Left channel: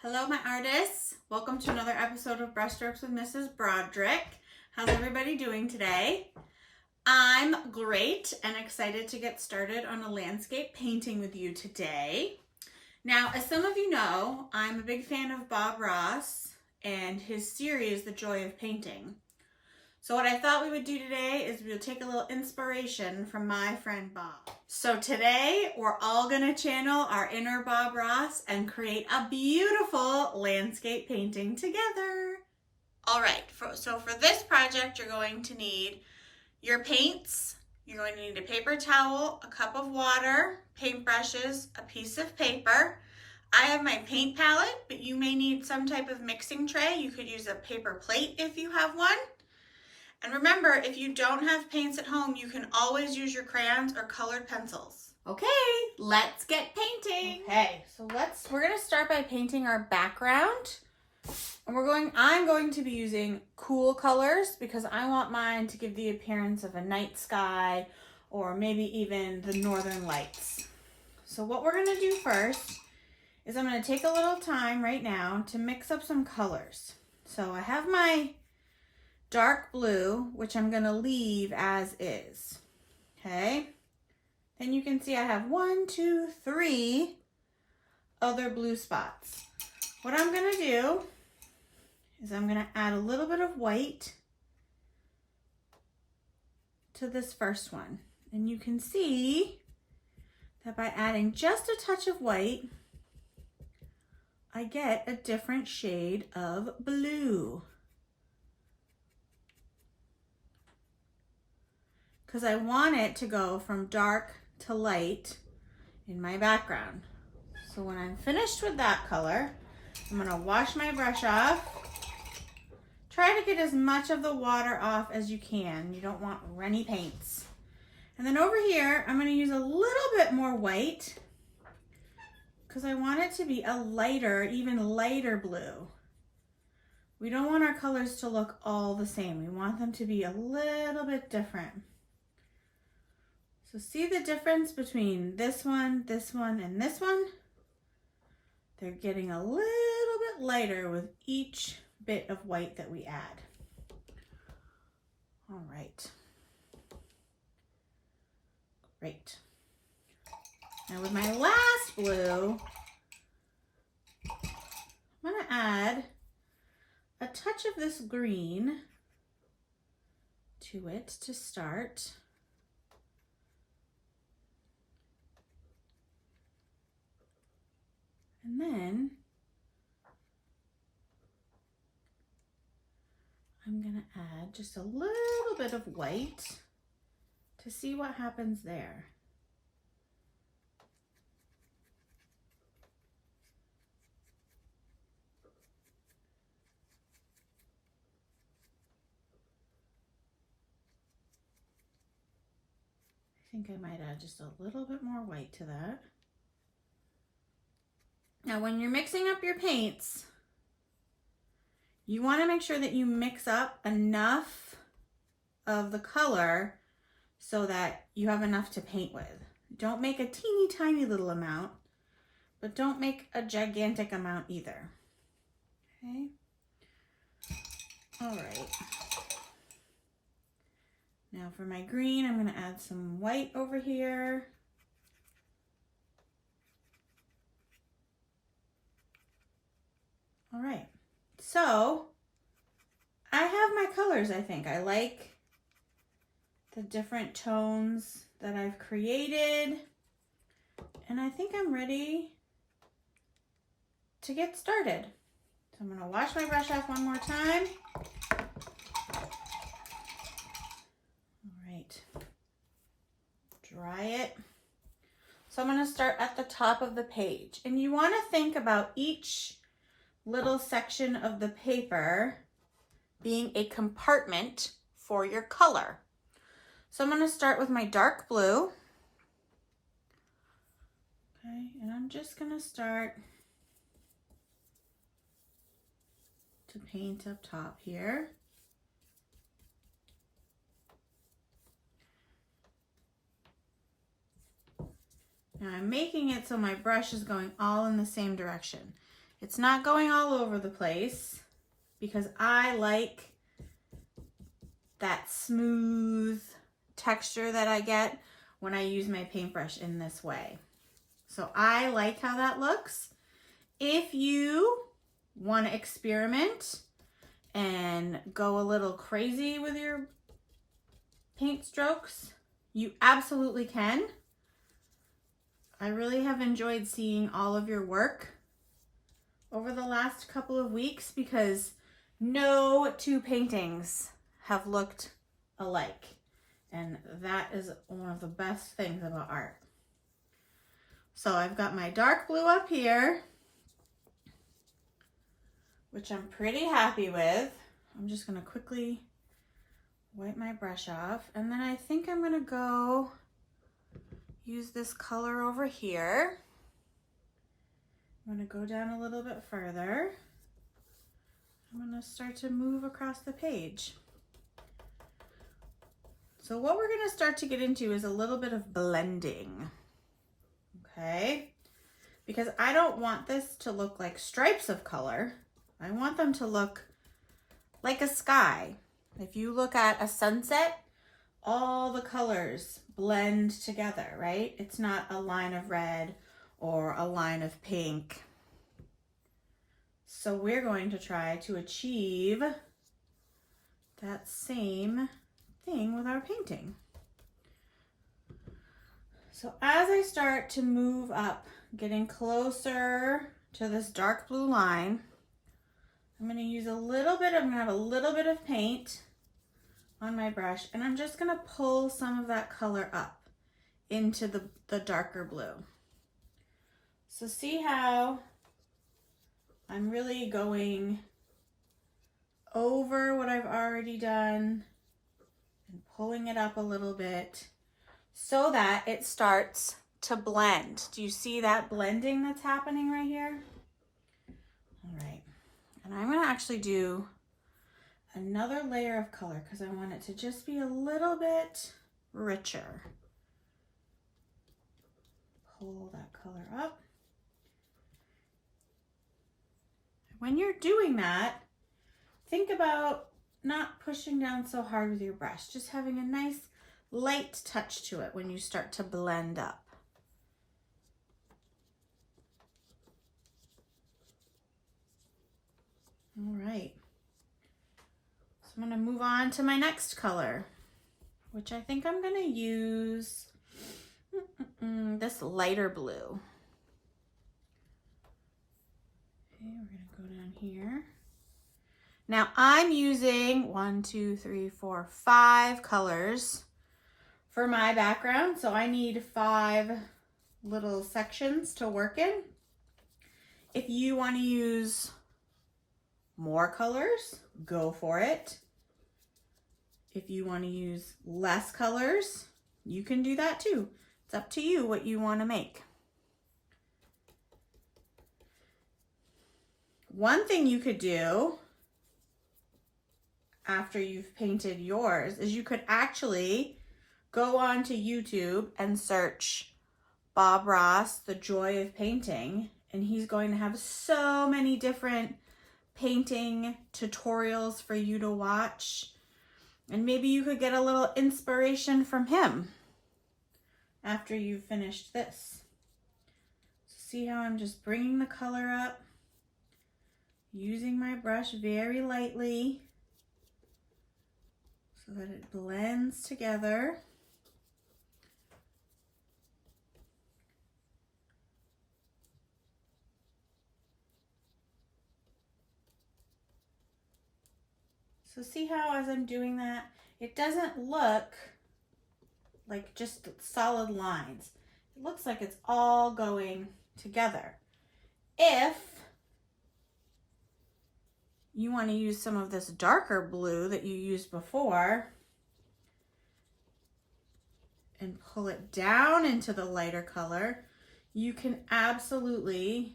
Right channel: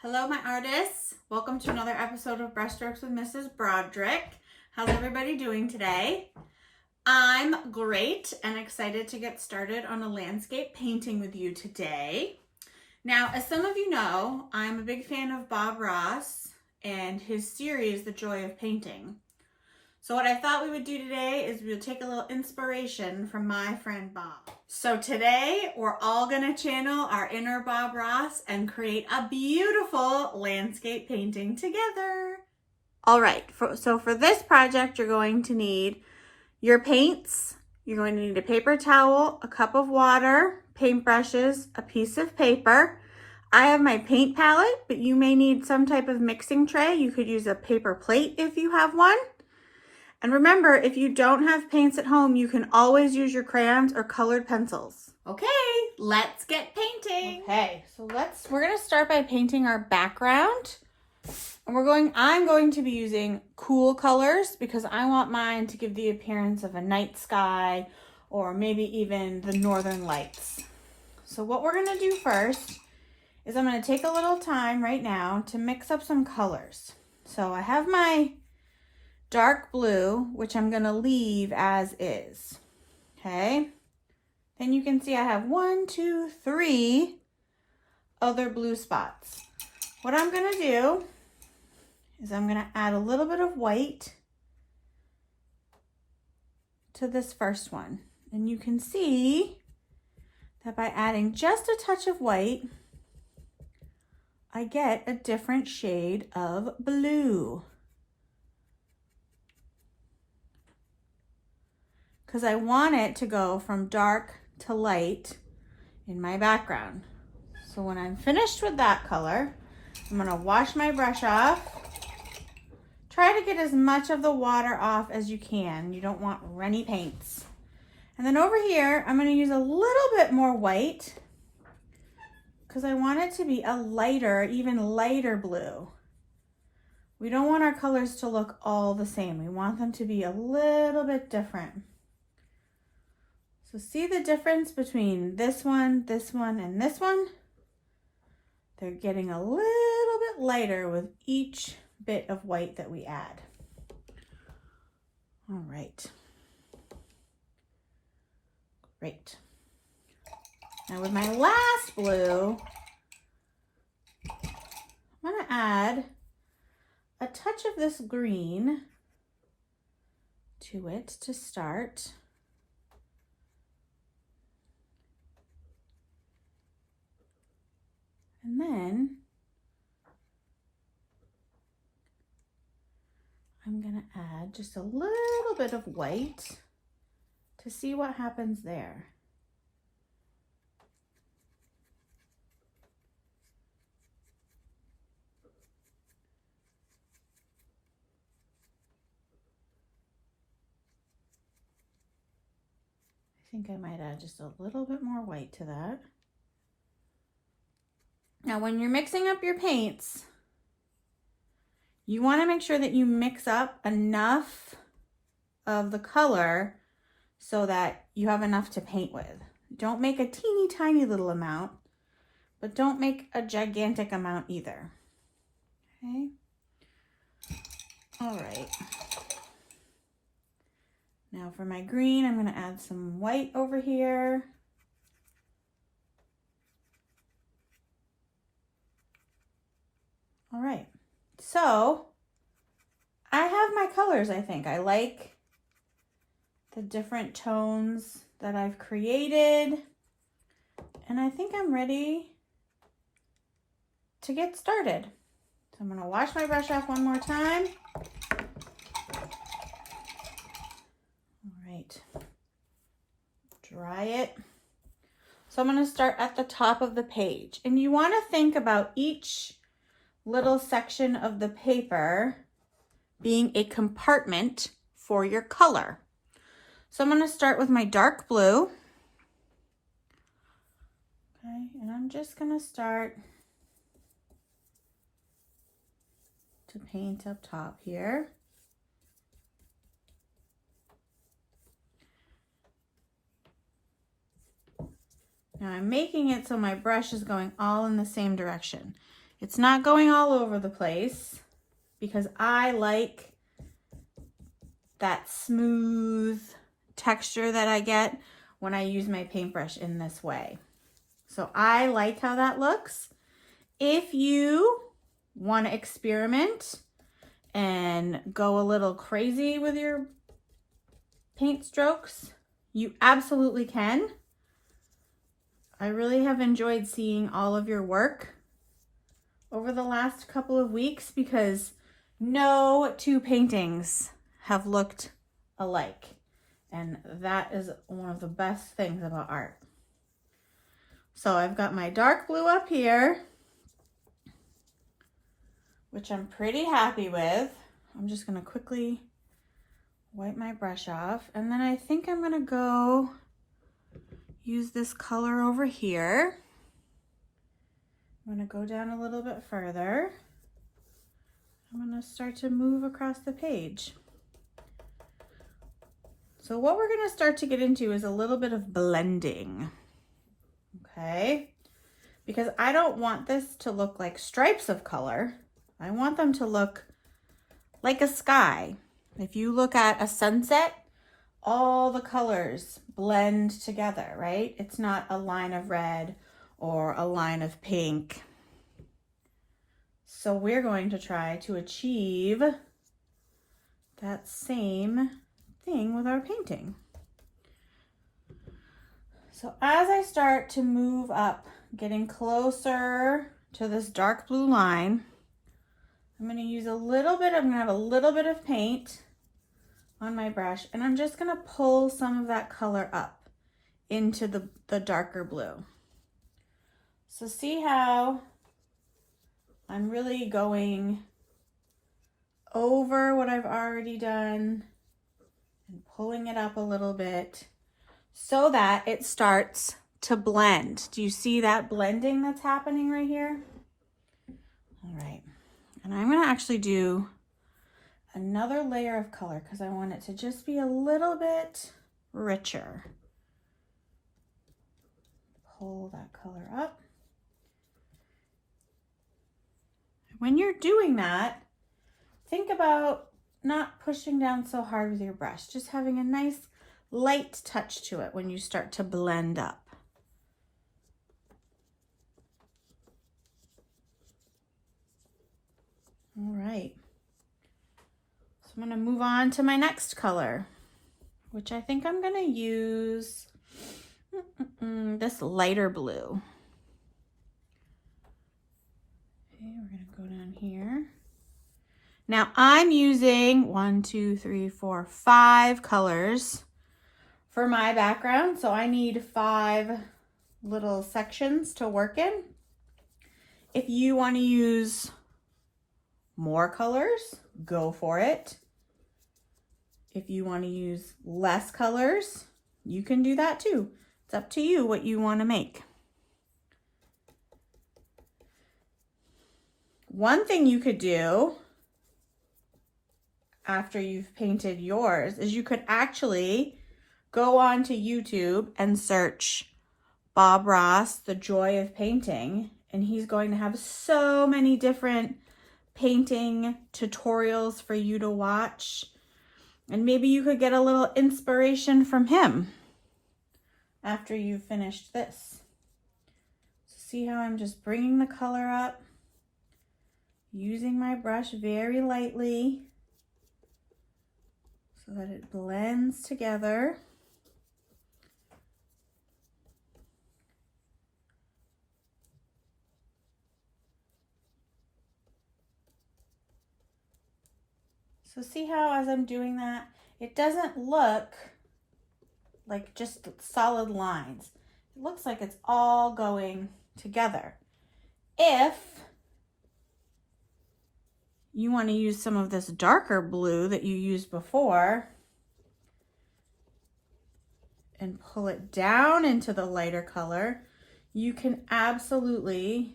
Hello, my artists. Welcome to another episode of Brushstrokes with Mrs. Broderick. How's everybody doing today? I'm great and excited to get started on a landscape painting with you today. Now, as some of you know, I'm a big fan of Bob Ross and his series, The Joy of Painting. So what I thought we would do today is we'll take a little inspiration from my friend Bob. So today we're all gonna channel our inner Bob Ross and create a beautiful landscape painting together. All right, so for this project, you're going to need your paints. You're going to need a paper towel, a cup of water, paintbrushes, a piece of paper. I have my paint palette, but you may need some type of mixing tray. You could use a paper plate if you have one. And remember, if you don't have paints at home, you can always use your crayons or colored pencils. Okay, let's get painting. Okay, so we're gonna start by painting our background. And I'm going to be using cool colors because I want mine to give the appearance of a night sky or maybe even the northern lights. So what we're gonna do first is I'm gonna take a little time right now to mix up some colors. So I have my dark blue, which I'm gonna leave as is, okay? Then you can see I have 1, 2, 3 other blue spots. What I'm gonna do is I'm gonna add a little bit of white to this first one. And you can see that by adding just a touch of white, I get a different shade of blue. Because I want it to go from dark to light in my background. So when I'm finished with that color, I'm gonna wash my brush off. Try to get as much of the water off as you can. You don't want runny paints. And then over here, I'm gonna use a little bit more white because I want it to be a lighter, even lighter blue. We don't want our colors to look all the same. We want them to be a little bit different. So see the difference between this one, and this one? They're getting a little bit lighter with each bit of white that we add. All right. Great. Now with my last blue, I'm gonna add a touch of this green to it to start. And then I'm gonna add just a little bit of white to see what happens there. I think I might add just a little bit more white to that. Now, when you're mixing up your paints, you want to make sure that you mix up enough of the color so that you have enough to paint with. Don't make a teeny tiny little amount, but don't make a gigantic amount either. Okay. All right. Now for my green, I'm going to add some white over here. All right, so I have my colors, I think. I like the different tones that I've created, and I think I'm ready to get started. So I'm gonna wash my brush off one more time. All right, dry it. So I'm gonna start at the top of the page, and you wanna think about each little section of the paper being a compartment for your color. So I'm going to start with my dark blue. Okay, and I'm just going to start to paint up top here. Now I'm making it so my brush is going all in the same direction. It's not going all over the place because I like that smooth texture that I get when I use my paintbrush in this way. So I like how that looks. If you want to experiment and go a little crazy with your paint strokes, you absolutely can. I really have enjoyed seeing all of your work over the last couple of weeks because no two paintings have looked alike. And that is one of the best things about art. So I've got my dark blue up here, which I'm pretty happy with. I'm just gonna quickly wipe my brush off. And then I think I'm gonna go use this color over here. I'm gonna go down a little bit further. I'm gonna start to move across the page. So what we're gonna start to get into is a little bit of blending, okay? Because I don't want this to look like stripes of color. I want them to look like a sky. If you look at a sunset, all the colors blend together, right? It's not a line of red or a line of pink. So we're going to try to achieve that same thing with our painting. So as I start to move up, getting closer to this dark blue line, I'm going to use I'm going to have a little bit of paint on my brush, and I'm just going to pull some of that color up into the darker blue. So see how I'm really going over what I've already done and pulling it up a little bit so that it starts to blend. Do you see that blending that's happening right here? All right, and I'm going to actually do another layer of color because I want it to just be a little bit richer. Pull that color up. When you're doing that, think about not pushing down so hard with your brush, just having a nice light touch to it when you start to blend up. All right. So I'm going to move on to my next color, which I think I'm going to use this lighter blue. Okay, we're going to go down here. Now I'm using 5 colors for my background. So I need 5 little sections to work in. If you want to use more colors, go for it. If you want to use less colors, you can do that too. It's up to you what you want to make. One thing you could do after you've painted yours is you could actually go onto YouTube and search Bob Ross, The Joy of Painting, and he's going to have so many different painting tutorials for you to watch. And maybe you could get a little inspiration from him after you've finished this. So see how I'm just bringing the color up, using my brush very lightly so that it blends together. So see how as I'm doing that, it doesn't look like just solid lines. It looks like it's all going together. If you want to use some of this darker blue that you used before and pull it down into the lighter color, you can absolutely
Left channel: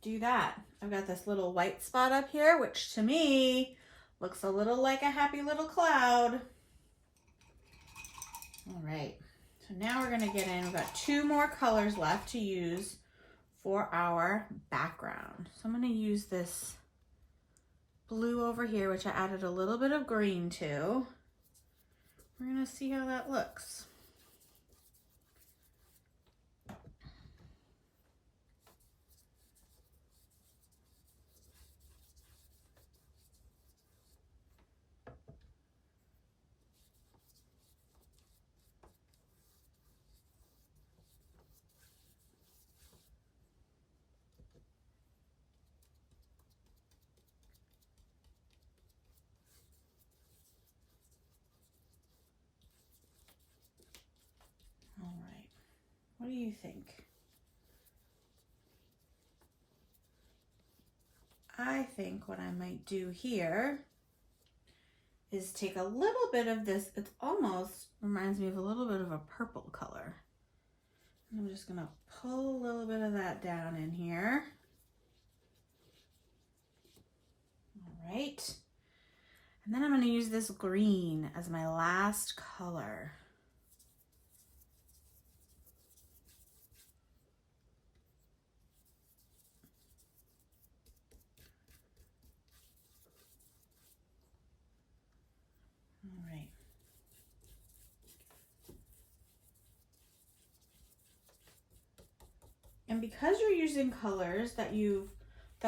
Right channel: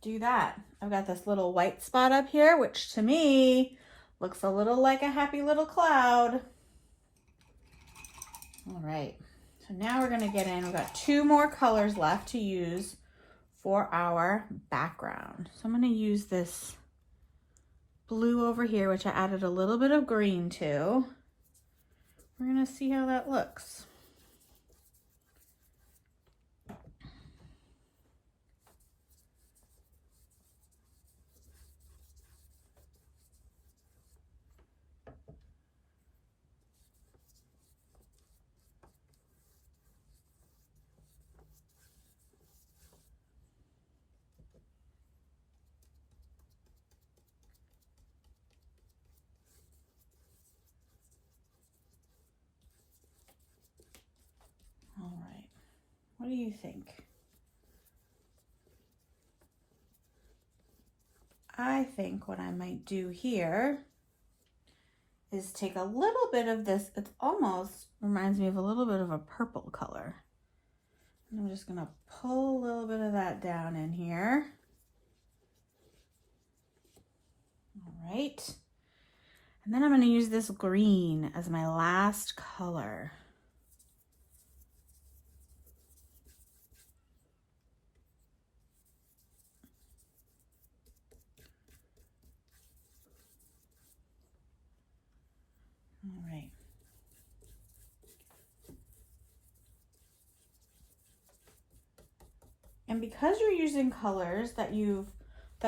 do that. I've got this little white spot up here, which to me looks a little like a happy little cloud. All right, so now we're gonna get in, we've got 2 more colors left to use for our background. So I'm going to use this blue over here, which I added a little bit of green to. We're going to see how that looks. All right, what do you think? I think what I might do here is take a little bit of this. It almost reminds me of a little bit of a purple color. And I'm just gonna pull a little bit of that down in here. All right. And then I'm gonna use this green as my last color. All right. And because you're using colors that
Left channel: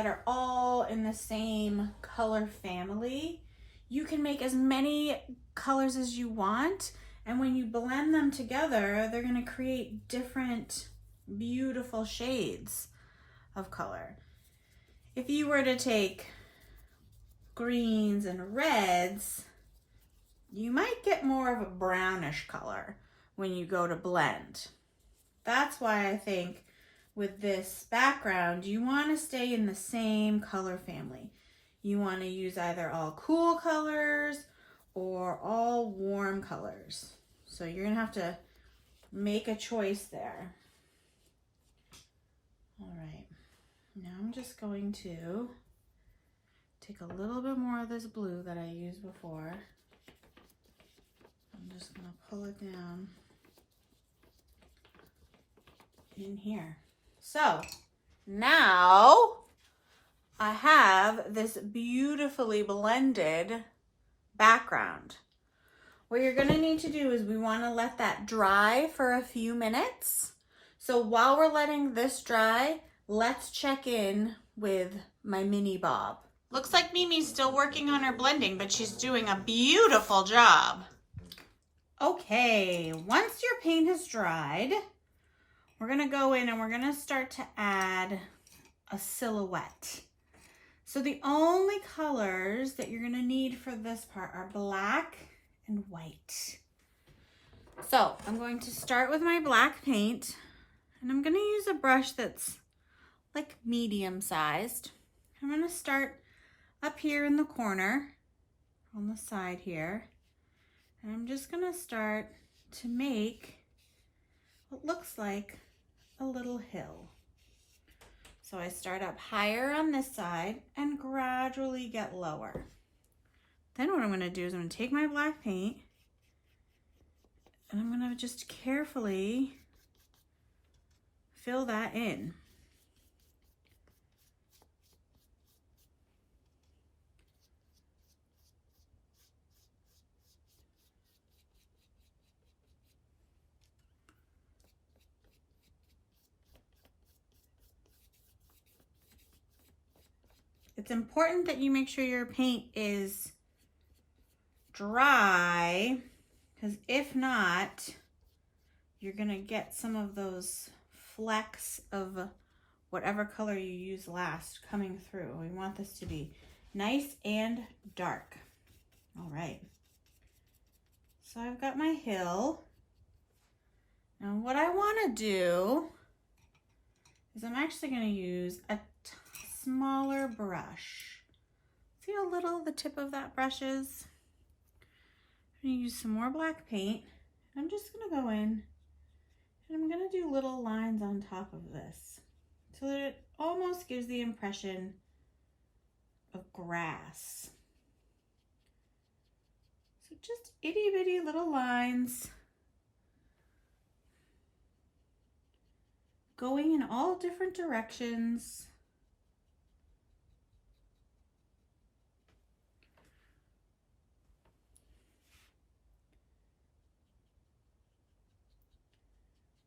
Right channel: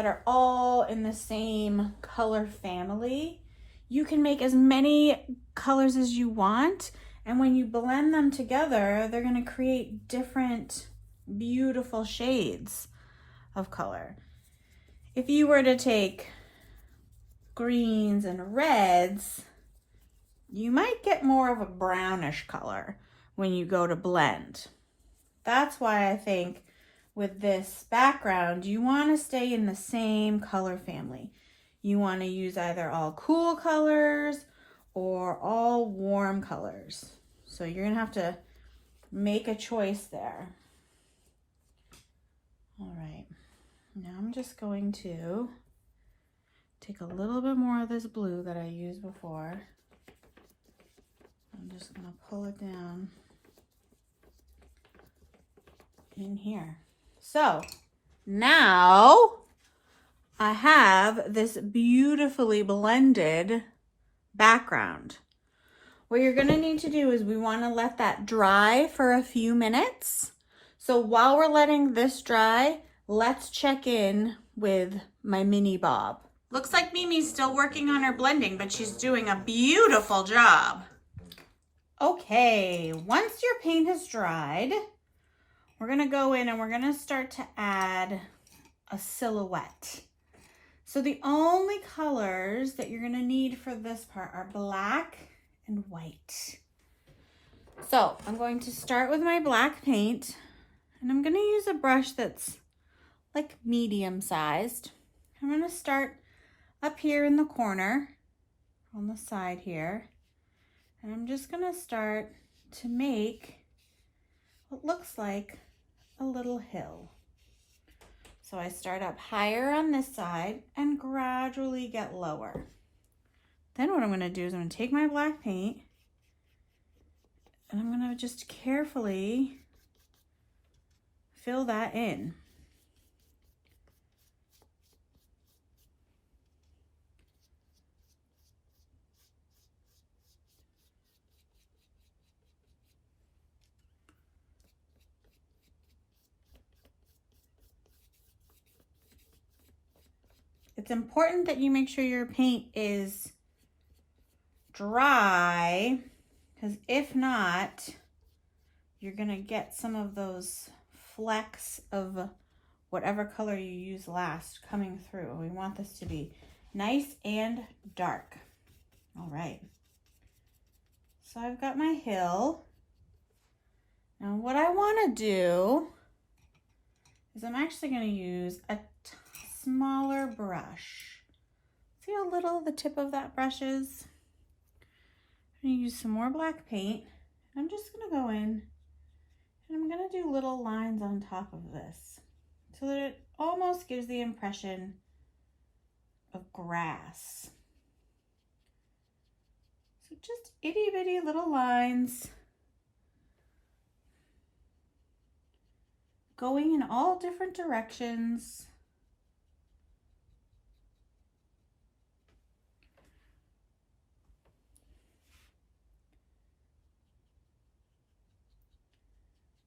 are all in the same color family, you can make as many colors as you want. And when you blend them together, they're going to create different beautiful shades of color. If you were to take greens and reds, you might get more of a brownish color when you go to blend. That's why I think with this background, you want to stay in the same color family. You want to use either all cool colors or all warm colors. So you're going to have to make a choice there. All right, now I'm just going to take a little bit more of this blue that I used before. I'm just going to pull it down in here. So now I have this beautifully blended background. What you're going to need to do is we want to let that dry for a few minutes. So while we're letting this dry, let's check in with my mini bob. Looks like Mimi's still working on her blending, but she's doing a beautiful job. Okay, once your paint has dried, we're going to go in and we're going to start to add a silhouette. So the only colors that you're going to need for this part are black and white. So I'm going to start with my black paint, and I'm going to use a brush that's like medium sized. I'm going to start up here in the corner on the side here, and I'm just going to start to make what looks like a little hill. So I start up higher on this side and gradually get lower. Then what I'm going to do is I'm going to take my black paint and I'm going to just carefully fill that in. It's important that you make sure your paint is dry, because if not, you're going to get some of those flecks of whatever color you use last coming through. We want this to be nice and dark. All right. So I've got my hill. Now what I want to do is I'm actually going to use a smaller brush. See how little the tip of that brush is? I'm going to use some more black paint. I'm just going to go in and I'm going to do little lines on top of this so that it almost gives the impression of grass. So just itty bitty little lines. going in all different directions.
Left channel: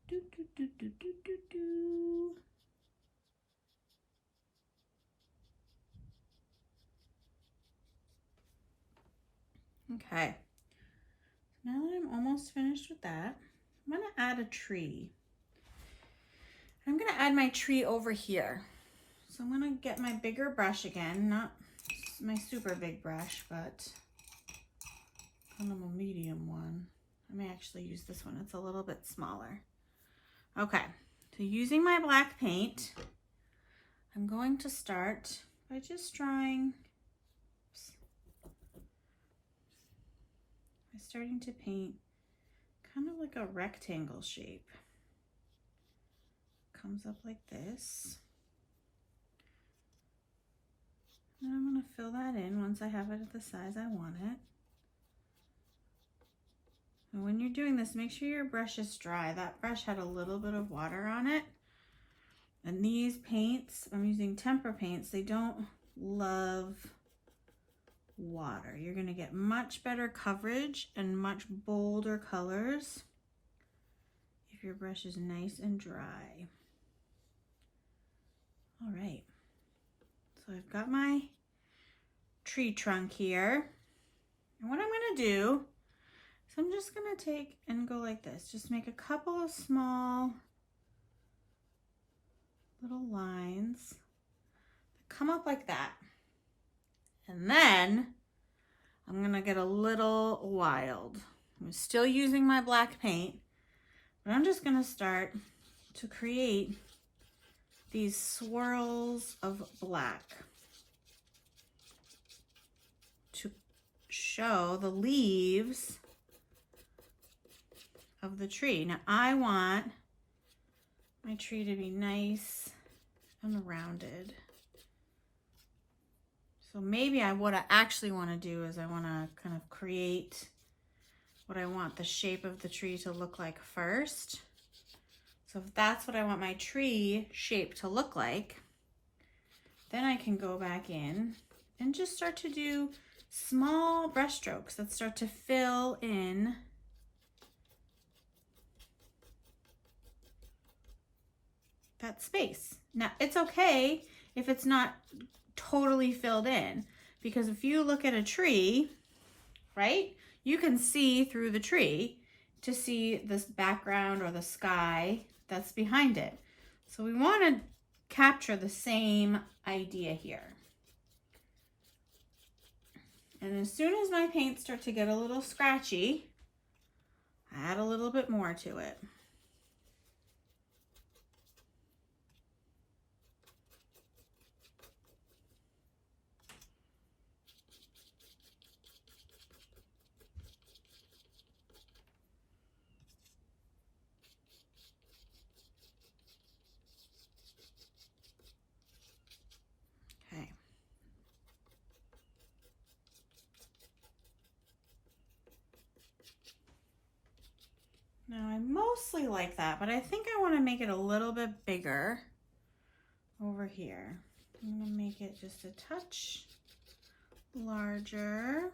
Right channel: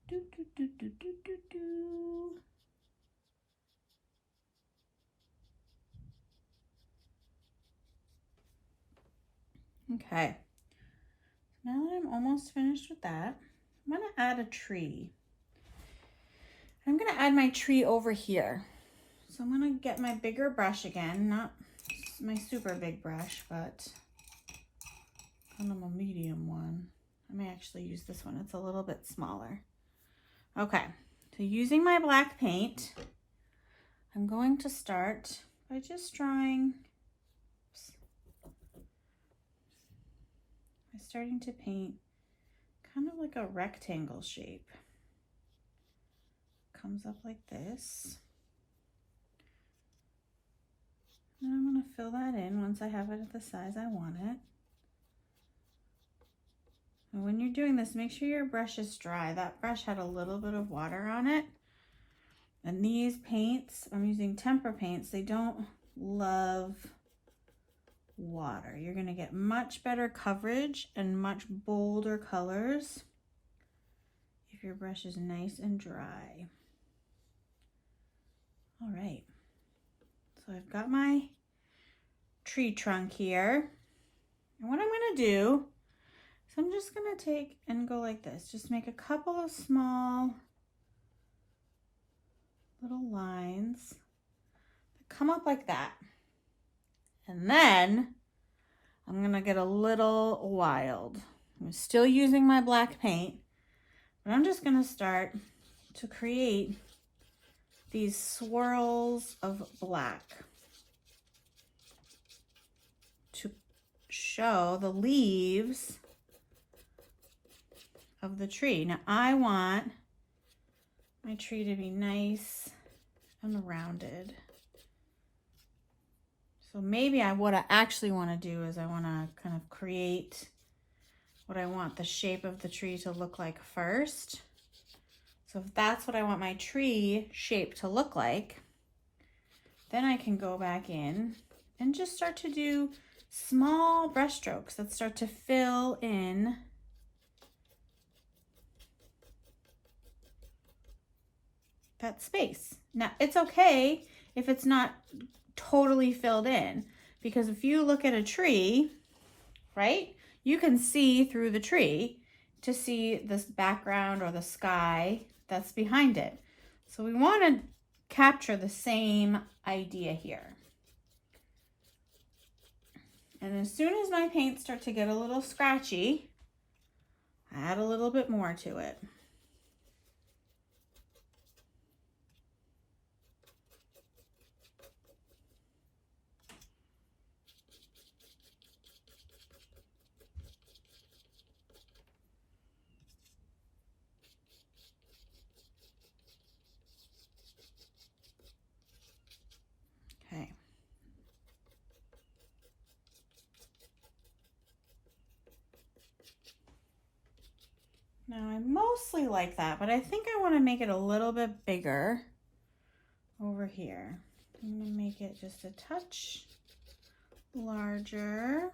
Do, do, do, do, do, do, do. Okay, now that I'm almost finished with that, I'm gonna add a tree. I'm gonna add my tree over here. So I'm gonna get my bigger brush again, not my super big brush, but kind of a medium one. I may actually use this one, it's a little bit smaller. Okay, so using my black paint, I'm going to start by just drawing, by starting to paint kind of like a rectangle shape. Comes up like this. And I'm going to fill that in once I have it at the size I want it. And when you're doing this, make sure your brush is dry. That brush had a little bit of water on it. And these paints, I'm using tempera paints, they don't love water. You're going to get much better coverage and much bolder colors if your brush is nice and dry. All right, so I've got my tree trunk here. And what I'm going to do is I'm just going to take and go like this. Just make a couple of small little lines that come up like that. And then I'm going to get a little wild. I'm still using my black paint, but I'm just going to start to create these swirls of black to show the leaves of the tree. Now I want my tree to be nice and rounded. So maybe what I actually want to do is I want to kind of create what I want the shape of the tree to look like first. So if that's what I want my tree shape to look like, then I can go back in and just start to do small brush strokes that start to fill in that space. Now, it's okay if it's not totally filled in, because if you look at a tree, right, you can see through the tree to see this background or the sky that's behind it. So we want to capture the same idea here. And as soon as my paints start to get a little scratchy, I add a little bit more to it. Okay. Now I mostly like that, but I think I want to make it a little bit bigger over here. I'm going to make it just a touch larger.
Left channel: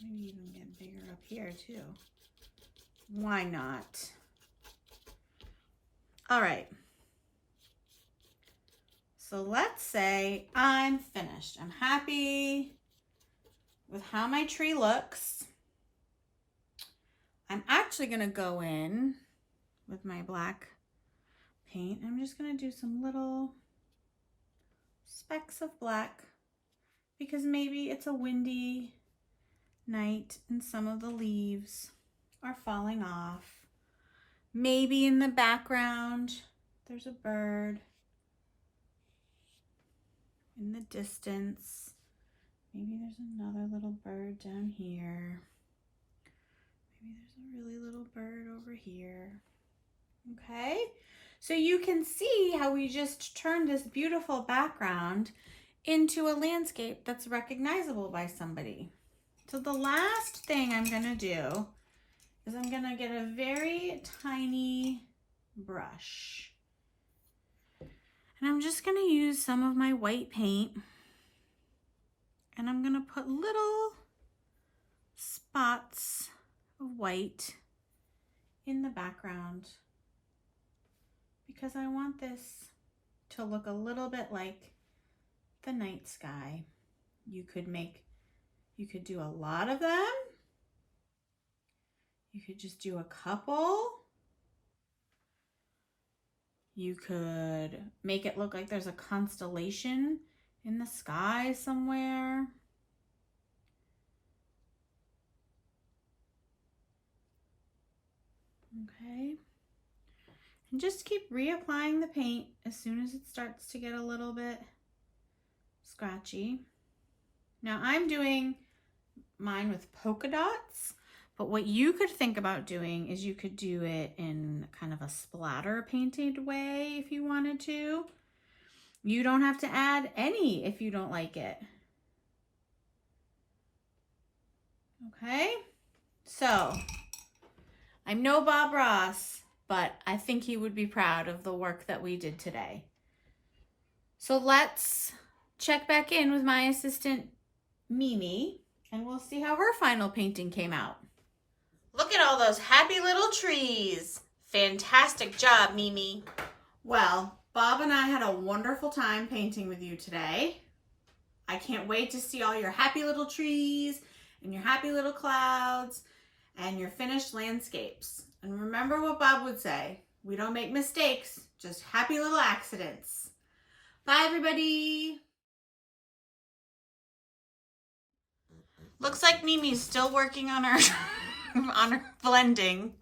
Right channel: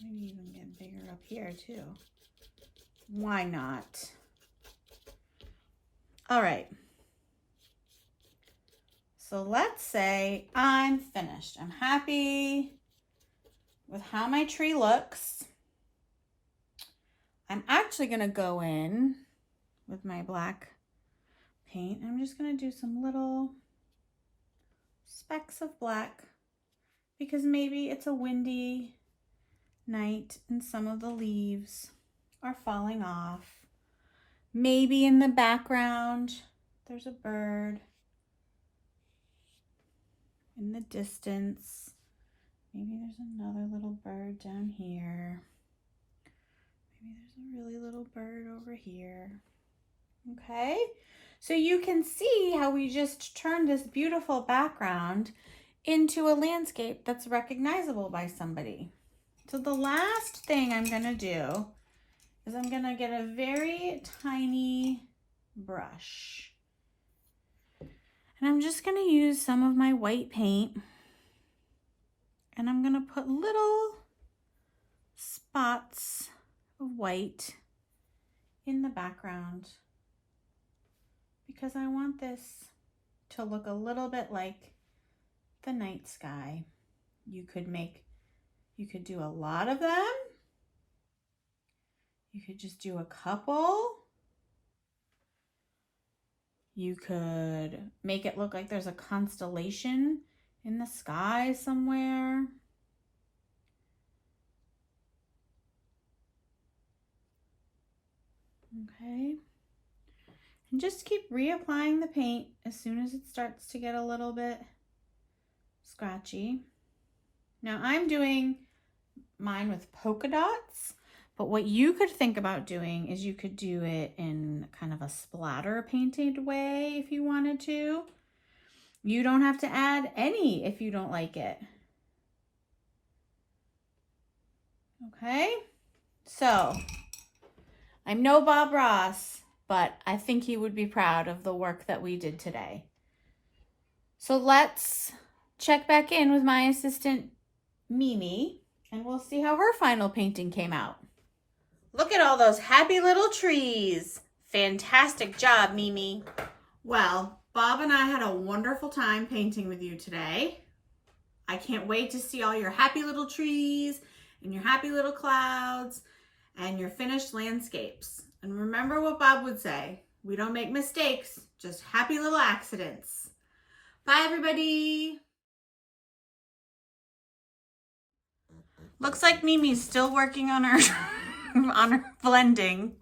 Maybe even get bigger up here too. Why not? All right. So let's say I'm finished. I'm happy with how my tree looks. I'm actually going to go in with my black paint. I'm just going to do some little specks of black because maybe it's a windy night and some of the leaves are falling off. Maybe in the background there's a bird in the distance. Maybe there's another little bird down here. Maybe there's a really little bird over here. Okay, so you can see how we just turned this beautiful background into a landscape that's recognizable by somebody. So the last thing I'm gonna do is I'm gonna get a very tiny brush. And I'm just gonna use some of my white paint, and I'm gonna put little spots of white in the background because I want this to look a little bit like the night sky. You could do a lot of them. You could just do a couple. You could make it look like there's a constellation in the sky somewhere. Okay. And just keep reapplying the paint as soon as it starts to get a little bit scratchy. Now I'm doing mine with polka dots, but what you could think about doing is you could do it in kind of a splatter painted way if you wanted to. You don't have to add any if you don't like it. Okay, so I'm no Bob Ross, but I think he would be proud of the work that we did today. So let's check back in with my assistant Mimi, and we'll see how her final painting came out. Look at all those happy little trees. Fantastic job, Mimi. Well, Bob and I had a wonderful time painting with you today. I can't wait to see all your happy little trees and your happy little clouds and your finished landscapes. And remember what Bob would say, we don't make mistakes, just happy little accidents. Bye, everybody. Looks like Mimi's still working on her on her blending.